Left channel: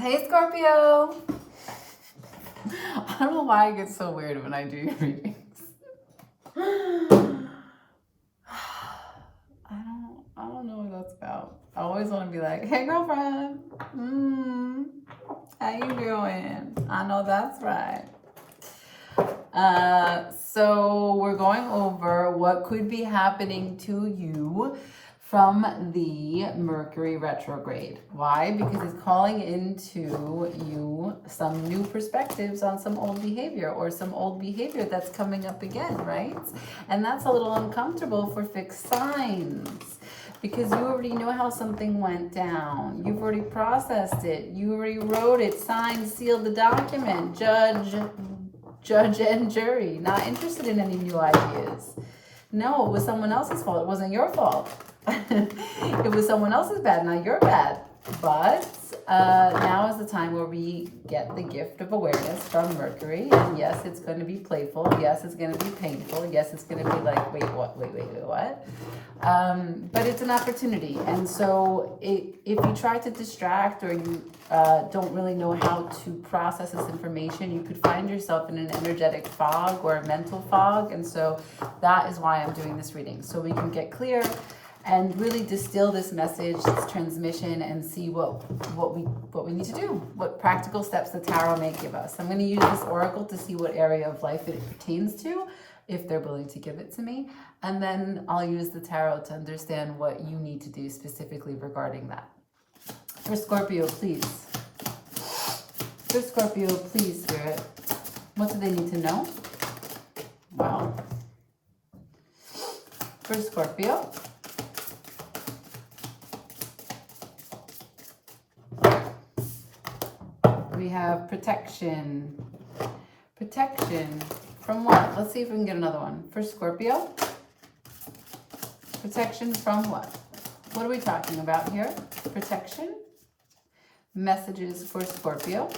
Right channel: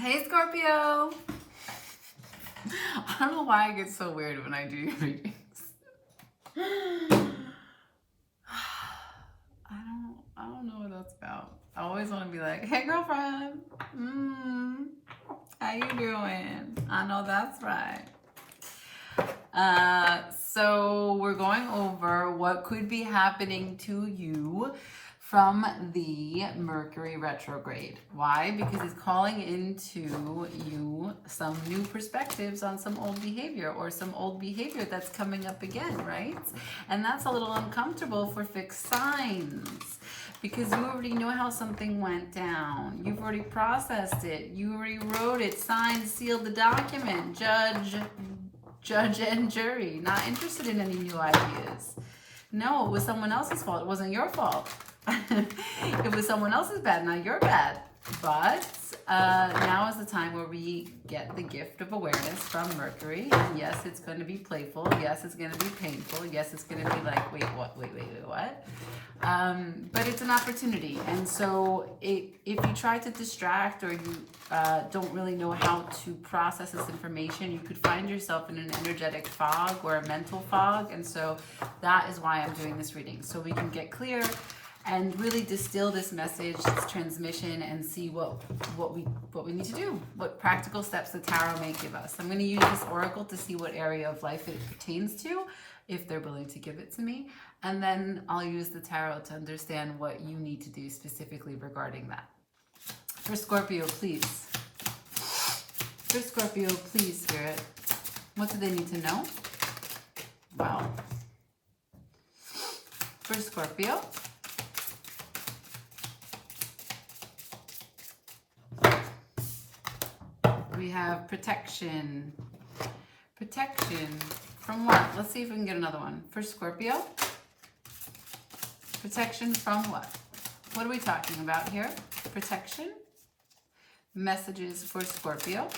Hey Scorpio! I don't know why I get so weird when I do your readings. I don't know what that's about. I always want to be like, hey girlfriend, how you doing? I know that's right. So we're going over what could be happening to you from the Mercury retrograde. Why? Because it's calling into you some new perspectives on some old behavior, or some old behavior that's coming up again, right? And that's a little uncomfortable for fixed signs, because you already know how something went down. You've already processed it. You already wrote it, signed, sealed the document. Judge and jury. Not interested in any new ideas. No, it was someone else's fault. It wasn't your fault. It was someone else's bad, not your bad. But now is the time where we get the gift of awareness from Mercury. And yes, it's going to be playful. Yes, it's going to be painful. Yes, it's going to be like, wait, what? Wait, what? But it's an opportunity. And so if you try to distract, or you don't really know how to process this information, you could find yourself in an energetic fog or a mental fog. And so that is why I'm doing this reading, so we can get clear and really distill this message, this transmission, and see what we need to do, what practical steps the tarot may give us. I'm going to use this oracle to see what area of life it pertains to, if they're willing to give it to me, and then I'll use the tarot to understand what you need to do specifically regarding that. For Scorpio, please. For Scorpio, please, Spirit. What do they need to know? Wow. For Scorpio. We have protection. Protection from what? Let's see if we can get another one. For Scorpio. Protection from what? What are we talking about here? Protection. Messages for Scorpio.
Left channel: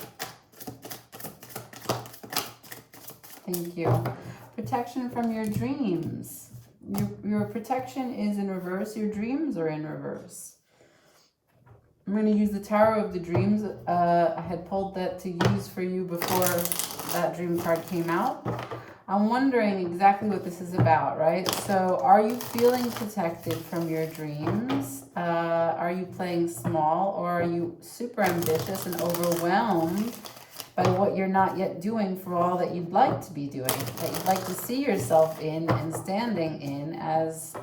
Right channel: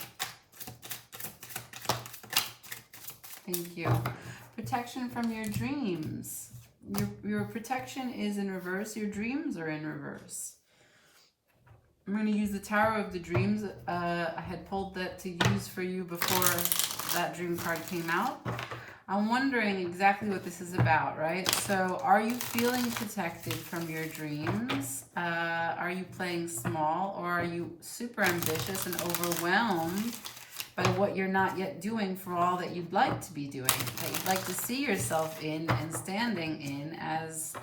Thank you. Protection from your dreams. Your protection is in reverse. Your dreams are in reverse. I'm going to use the Tower of the Dreams. I had pulled that to use for you before that dream card came out. I'm wondering exactly what this is about, right? So are you feeling protected from your dreams? Are you playing small, or are you super ambitious and overwhelmed by what you're not yet doing for all that you'd like to be doing, that you'd like to see yourself in and standing in as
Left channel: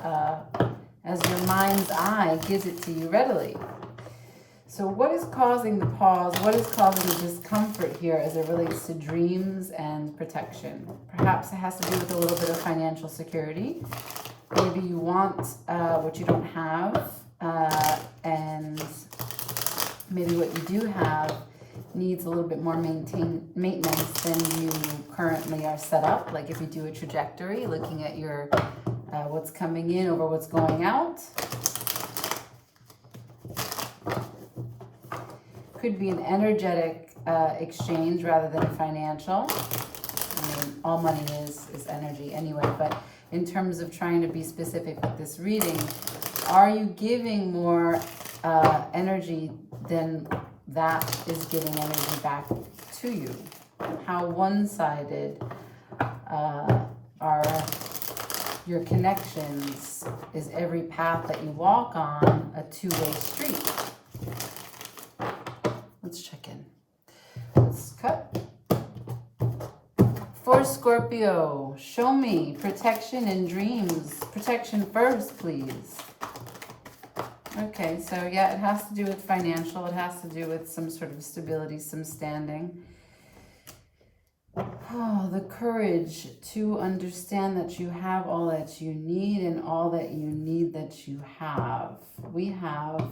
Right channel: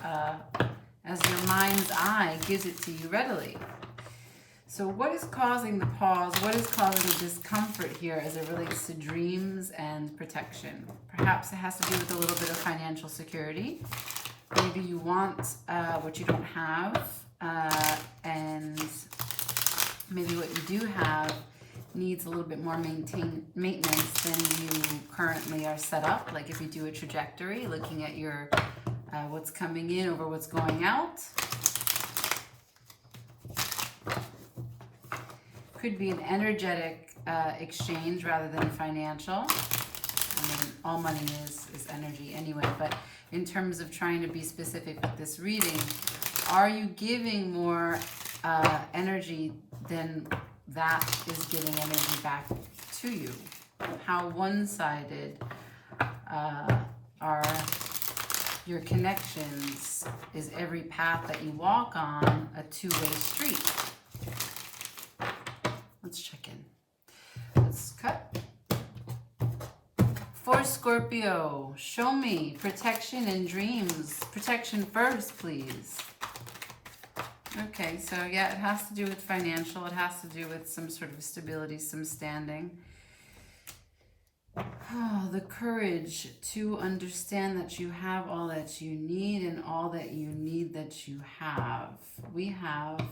your mind's eye gives it to you readily? So what is causing the pause? What is causing the discomfort here as it relates to dreams and protection? Perhaps it has to do with a little bit of financial security. Maybe you want what you don't have, and maybe what you do have needs a little bit more maintenance than you currently are set up. Like if you do a trajectory, looking at your what's coming in over what's going out. Could be an energetic exchange rather than financial. I mean, all money is energy anyway, but in terms of trying to be specific with this reading, are you giving more energy than that is giving energy back to you? How one-sided are your connections? Is every path that you walk on a two-way street? Let's check in. Let's cut. For Scorpio, show me protection and dreams. Protection first, please. Okay, so yeah, it has to do with financial. It has to do with some sort of stability, some standing. Oh, the courage to understand that you have all that you need and all that you need that you have. We have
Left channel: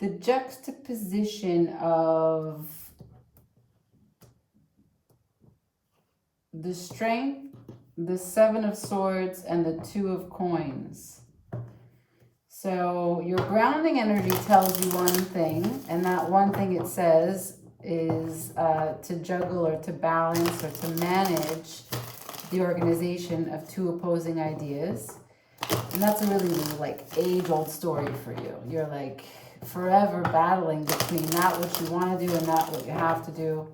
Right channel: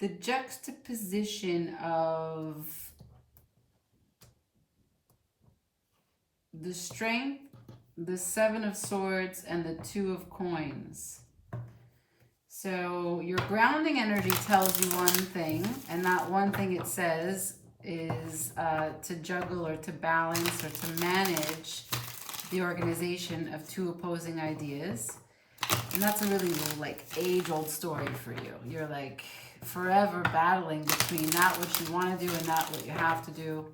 the juxtaposition of the Strength, the Seven of Swords, and the Two of Coins. So your grounding energy tells you one thing, and that one thing it says is to juggle or to balance or to manage the organization of two opposing ideas. And that's a really like age-old story for you. You're like forever battling between not what you want to do and not what you have to do.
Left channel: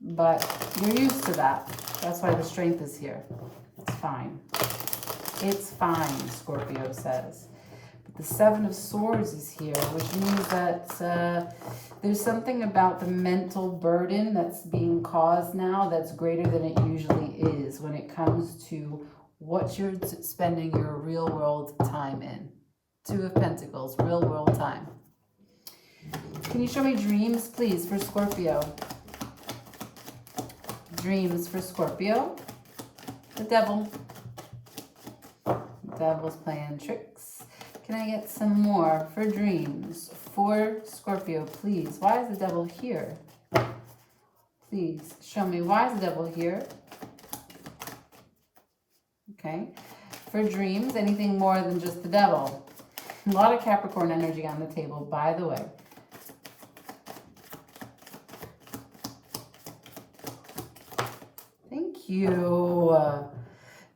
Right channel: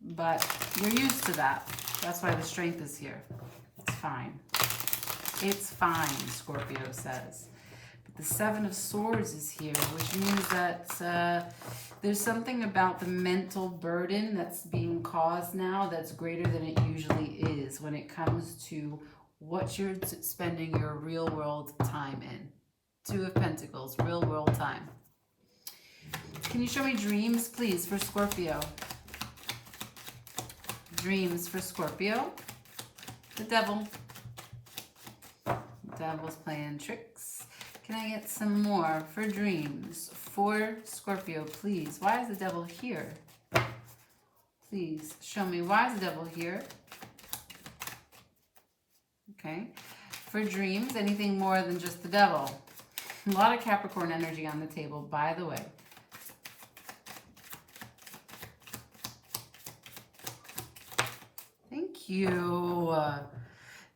But you're used to that. That's why the strength is here. It's fine. It's fine, Scorpio says. But the Seven of Swords is here, which means that there's something about the mental burden that's being caused now that's greater than it usually is when it comes to what you're spending your real world time in. Two of Pentacles, real world time. Can you show me dreams, please, for Scorpio? Dreams for Scorpio. The Devil. The Devil's playing tricks. Can I get some more for dreams for Scorpio, please? Why is the Devil here? Please show me, why is the Devil here? Okay. For dreams, anything more than just the Devil. A lot of Capricorn energy on the table, by the way. Thank you.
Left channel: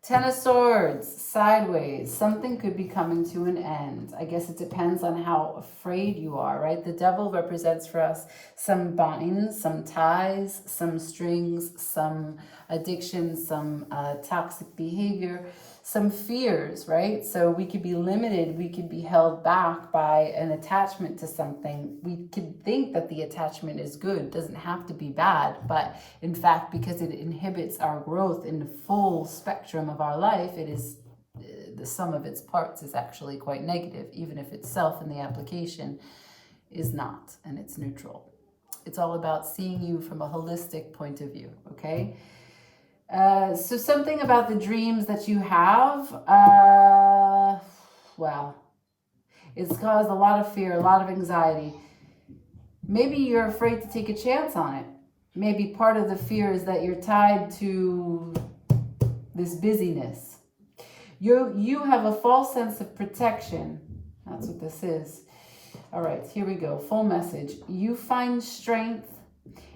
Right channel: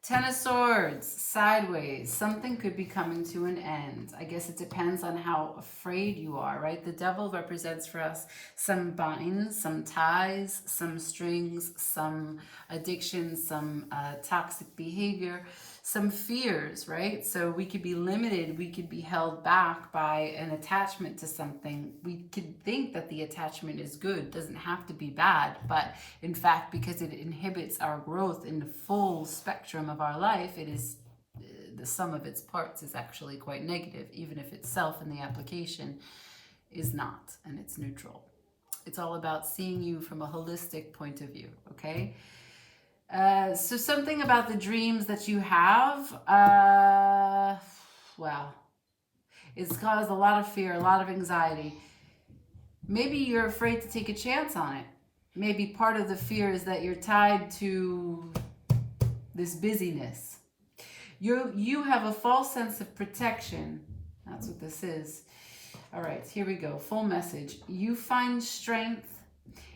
Ten of Swords, sideways. Something could be coming to an end. I guess it depends on how afraid you are, right? The Devil represents for us some binds, some ties, some strings, some addictions, some toxic behavior, some fears, right? So we could be limited, we could be held back by an attachment to something. We could think that the attachment is good, it doesn't have to be bad, but in fact, because it inhibits our growth in the full spectrum of our life, it is the sum of its parts is actually quite negative, even if itself in the application is not, and it's neutral. It's all about seeing you from a holistic point of view, okay? So something about the dreams that you have, well, it's caused a lot of fear, a lot of anxiety. Maybe you're afraid to take a chance on it. Maybe part of the fear is that you're tied to this busyness. You have a false sense of protection. That's what this is. All right, here we go. Full message. You find strength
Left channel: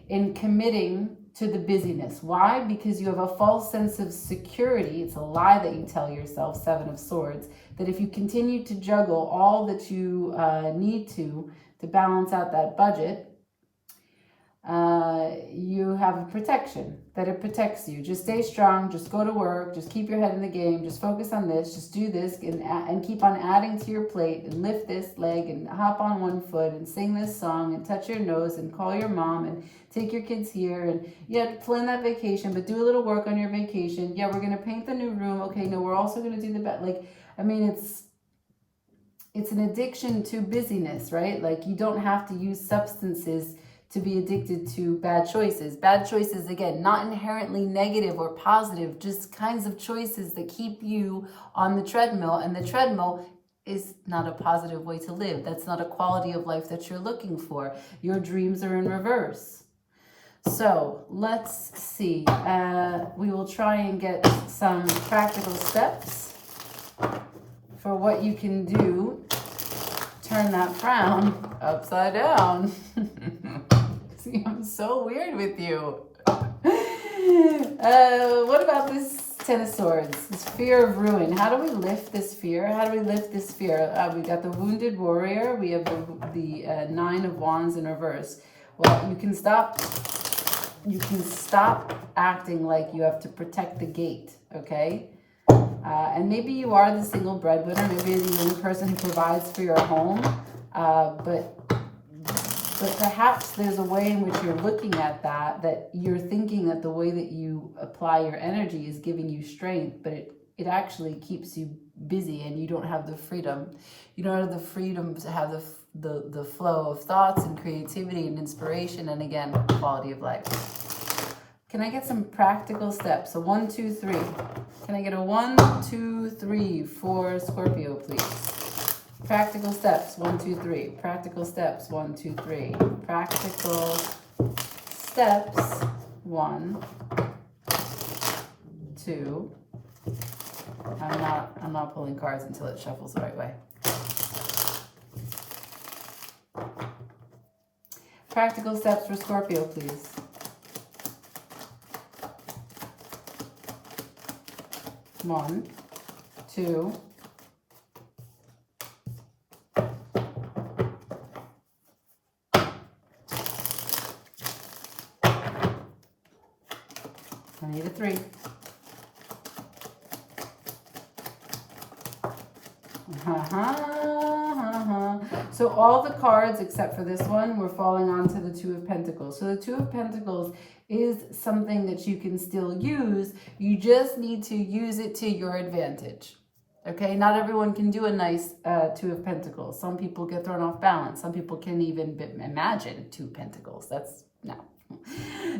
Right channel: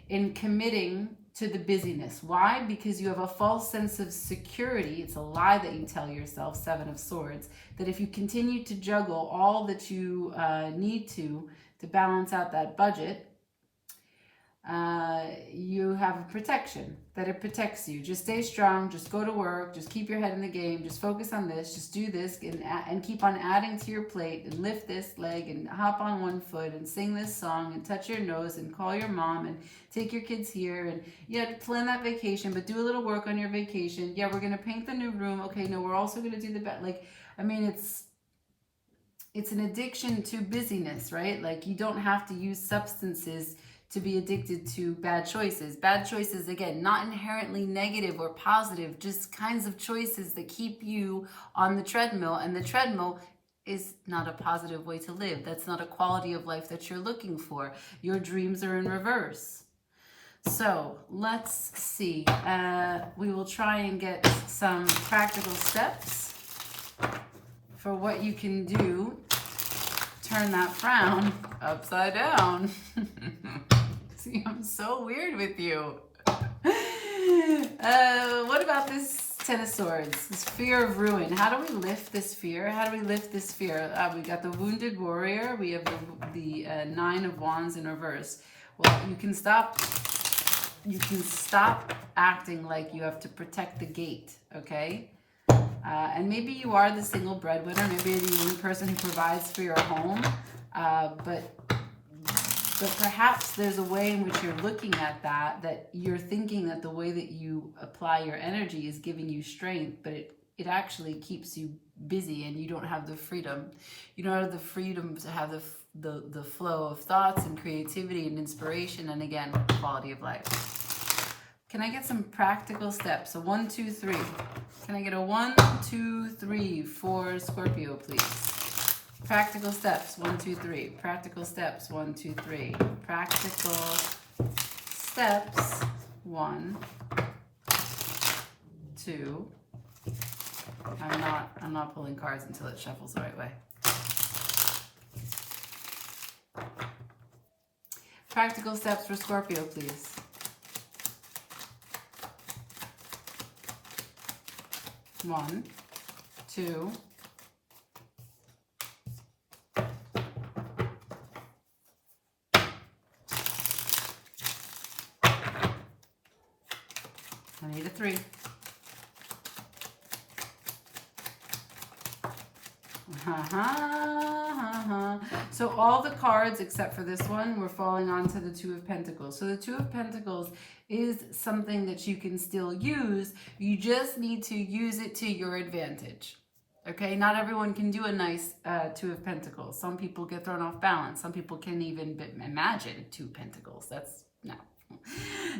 in committing to the busyness. Why? Because you have a false sense of security. It's a lie that you tell yourself, Seven of Swords, that if you continue to juggle all that you need to balance out that budget, you have a protection, that it protects you. Just stay strong, just go to work, just keep your head in the game, just focus on this, just do this, and keep on adding to your plate, and lift this leg, and hop on one foot, and sing this song, and touch your nose, and call your mom, and take your kids here, and yeah, plan that vacation, but do a little work on your vacation. Yeah, we're going to paint the new room. Okay, no, we're also going to do the bed. Like, I mean, it's an addiction to busyness, right? Like, you don't have to use substances to be addicted to bad choices. Bad choices, again, not inherently negative or positive, just kinds of choices that keep you on the treadmill. And the treadmill is not a positive way to live. That's not a quality of life that you're looking for. Your dreams are in reverse. So let's see. We will try and get some practical steps for what you can do. Turn that frown upside down. See, I'm so weird with you. What about this Ten of Swords? This fear of ruin. How do we lift this fear? How do we lift this fear? We got the Wounded Warrior. We have the Nine of Wands in reverse. Well, you can stop acting like you have to protect the gate, okay? And maybe you are the single breadwinner. Maybe you're the only person who provides for your home. But perhaps there's a way in which you're looking at that you're thinking that the way that you apply your energy is giving you strength, but it actually keeps you busy, and you don't have the freedom. You don't have the freedom to have the flow of thoughts and creativity and inspiration, and again, quality of life. Can I get some practical steps? So 1, 2, 3. Can I get a 1, 2, 3 for Scorpio, please? Practical steps, 1, 2, 3. Practical steps, 1, 2, 3. Practical steps, 1, 2. I'm not pulling cards until it shuffles the right way. Practical steps for Scorpio, please. One, 2, I need a 3. So all the cards except for this one were falling onto the 2 of Pentacles. So the 2 of Pentacles is something that you can still use. You just need to use it to your advantage. Okay, not everyone can do a nice 2 of Pentacles. Some people get thrown off balance. Some people can even imagine 2 Pentacles. That's no.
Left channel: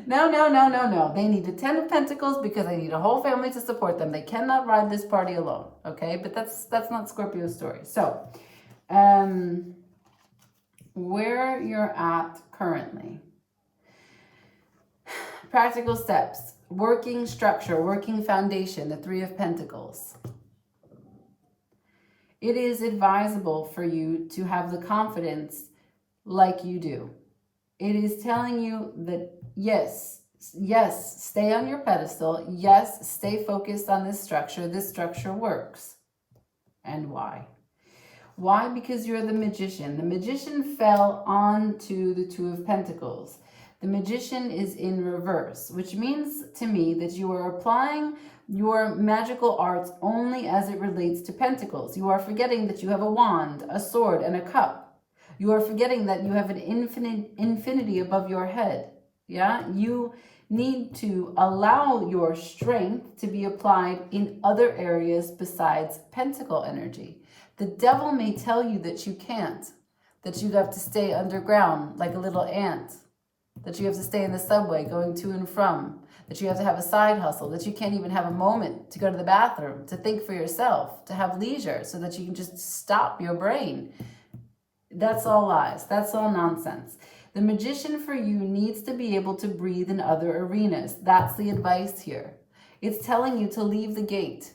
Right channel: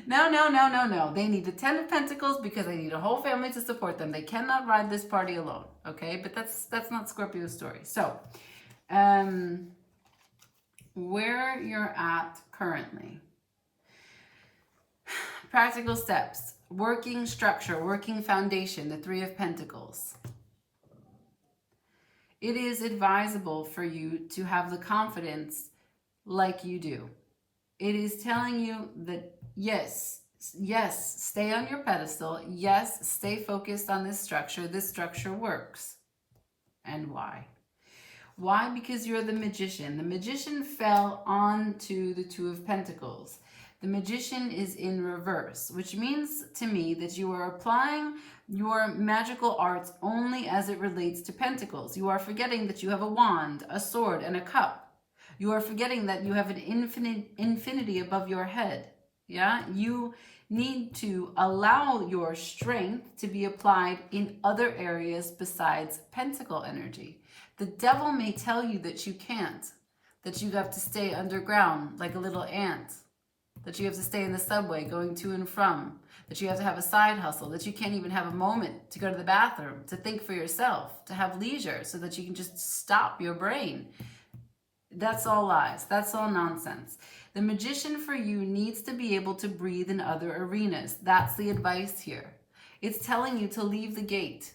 No. They need the 10 of Pentacles because they need a whole family to support them. They cannot ride this party alone. Okay, but that's not Scorpio's story. So, where you're at currently. Practical steps, working structure, working foundation, the 3 of Pentacles. It is advisable for you to have the confidence like you do. It is telling you that yes, stay on your pedestal. Yes, stay focused on this structure. This structure works. And why? Why? Because you're the magician. The magician fell onto the 2 of Pentacles. The magician is in reverse, which means to me that you are applying your magical arts only as it relates to pentacles. You are forgetting that you have a wand, a sword, and a cup. You are forgetting that you have an infinity above your head. Yeah, you need to allow your strength to be applied in other areas besides pentacle energy. The devil may tell you that you can't, that you have to stay underground like a little ant, that you have to stay in the subway going to and from, that you have to have a side hustle, that you can't even have a moment to go to the bathroom, to think for yourself, to have leisure so that you can just stop your brain. That's all lies. That's all nonsense. The magician for you needs to be able to breathe in other arenas. That's the advice here. It's telling you to leave the gate.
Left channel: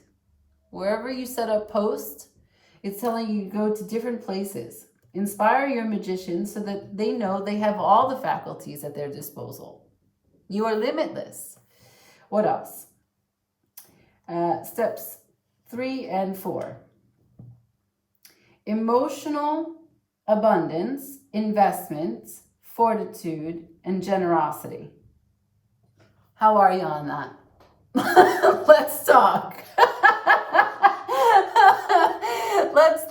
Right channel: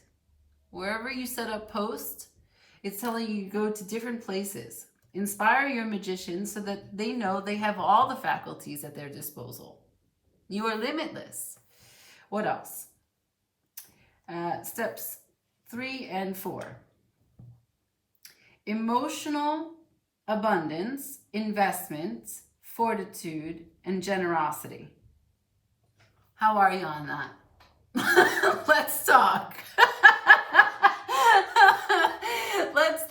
Wherever you set up post, it's telling you to go to different places. Inspire your magicians so that they know they have all the faculties at their disposal. You are limitless. What else? Steps 3 and 4. Emotional abundance, investments, fortitude, and generosity. How are you on that? Let's talk.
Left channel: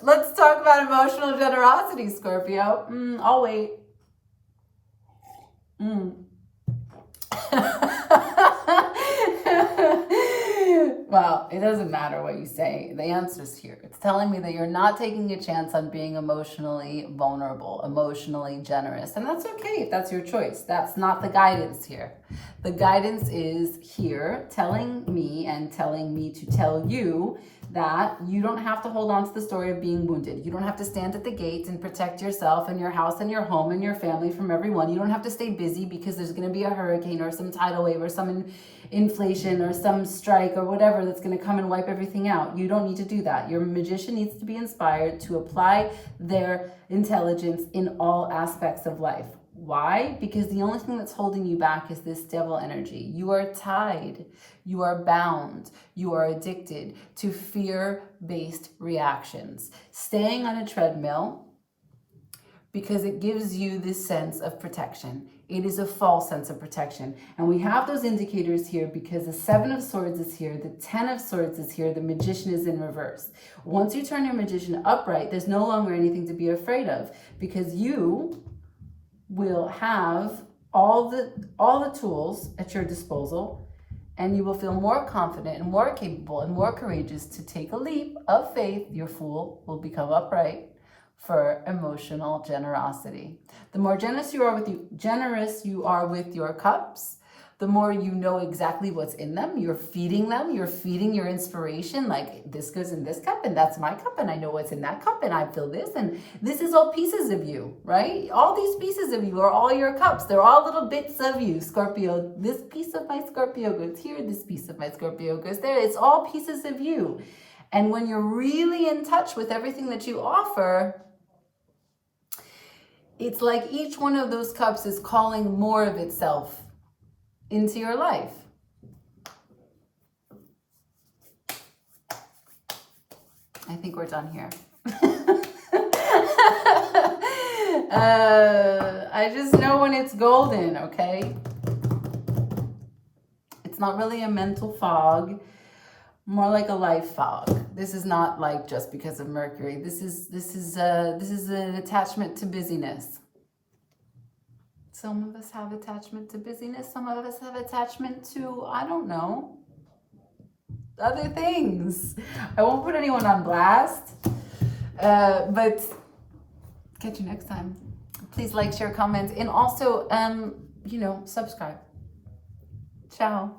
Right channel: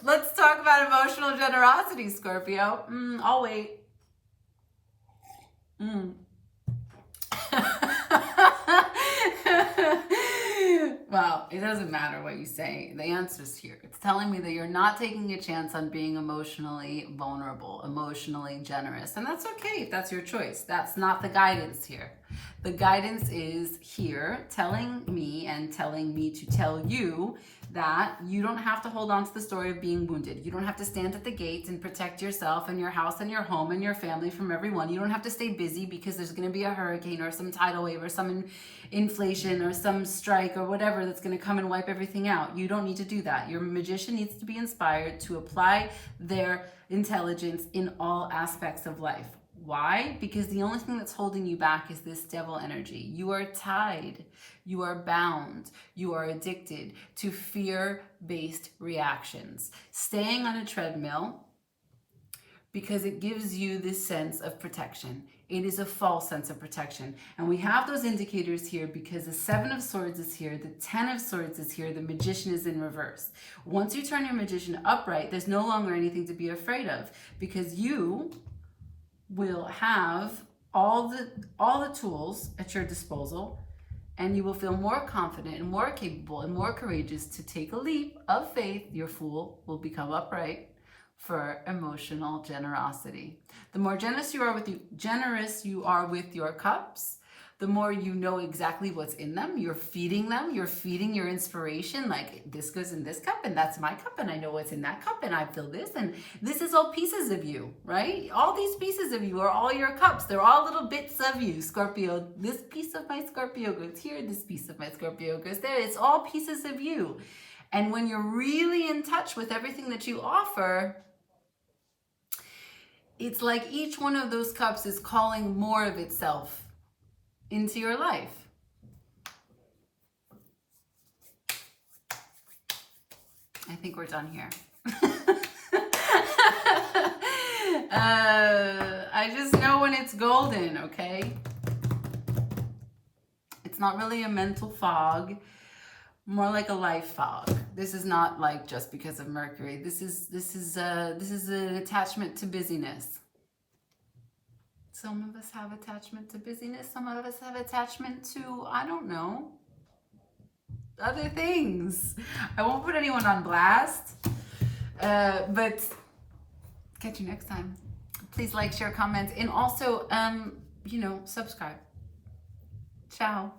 Let's talk about emotional generosity, Scorpio. I'll wait. Well, it doesn't matter what you say. The answer's here. It's telling me that you're not taking a chance on being emotionally vulnerable, emotionally generous. And that's okay if that's your choice. That's not the guidance here. The guidance is here telling me to tell you that you don't have to hold on to the story of being wounded. You don't have to stand at the gates and protect yourself and your house and your home and your family from everyone. You don't have to stay busy because there's going to be a hurricane or some tidal wave or some inflation or some strike or whatever that's going to come and wipe everything out. You don't need to do that. Your magician needs to be inspired to apply their intelligence in all aspects of life. Why? Because the only thing that's holding you back is this devil energy. You are tied, you are bound, you are addicted to fear-based reactions. Staying on a treadmill because it gives you this sense of protection. It is a false sense of protection. And we have those indicators here because the 7 of Swords is here, the 10 of Swords is here, the Magician is in reverse. Once you turn your Magician upright, there's no longer anything to be afraid of because you will have all the tools at your disposal, and you will feel more confident and more capable and more courageous to take a leap of faith. Your Fool will become upright for emotional generosity. The more generous you are with your cups, the more you know exactly what's in them. You're feeding your inspiration, like this goes in this cup and that's my cup and I know what's in that cup and I feel this and this is all pieces of you, right? All these pieces of you are all your cups. They're all little bits of you, Scorpio. This piece of my Scorpio goes here, this piece of my Scorpio goes there. It's all pieces of you. And when you're really in touch with everything that you offer, it's like each one of those cups is calling more of itself into your life. I think we're done here. I just know when it's golden, okay? It's not really a mental fog, more like a life fog. This is not like just because of Mercury. This is an attachment to busyness. Some of us have attachment to busyness. Some of us have attachment to, I don't know, other things. I won't put anyone on blast, but catch you next time. Please like, share, comment, and also, you know, subscribe. Ciao.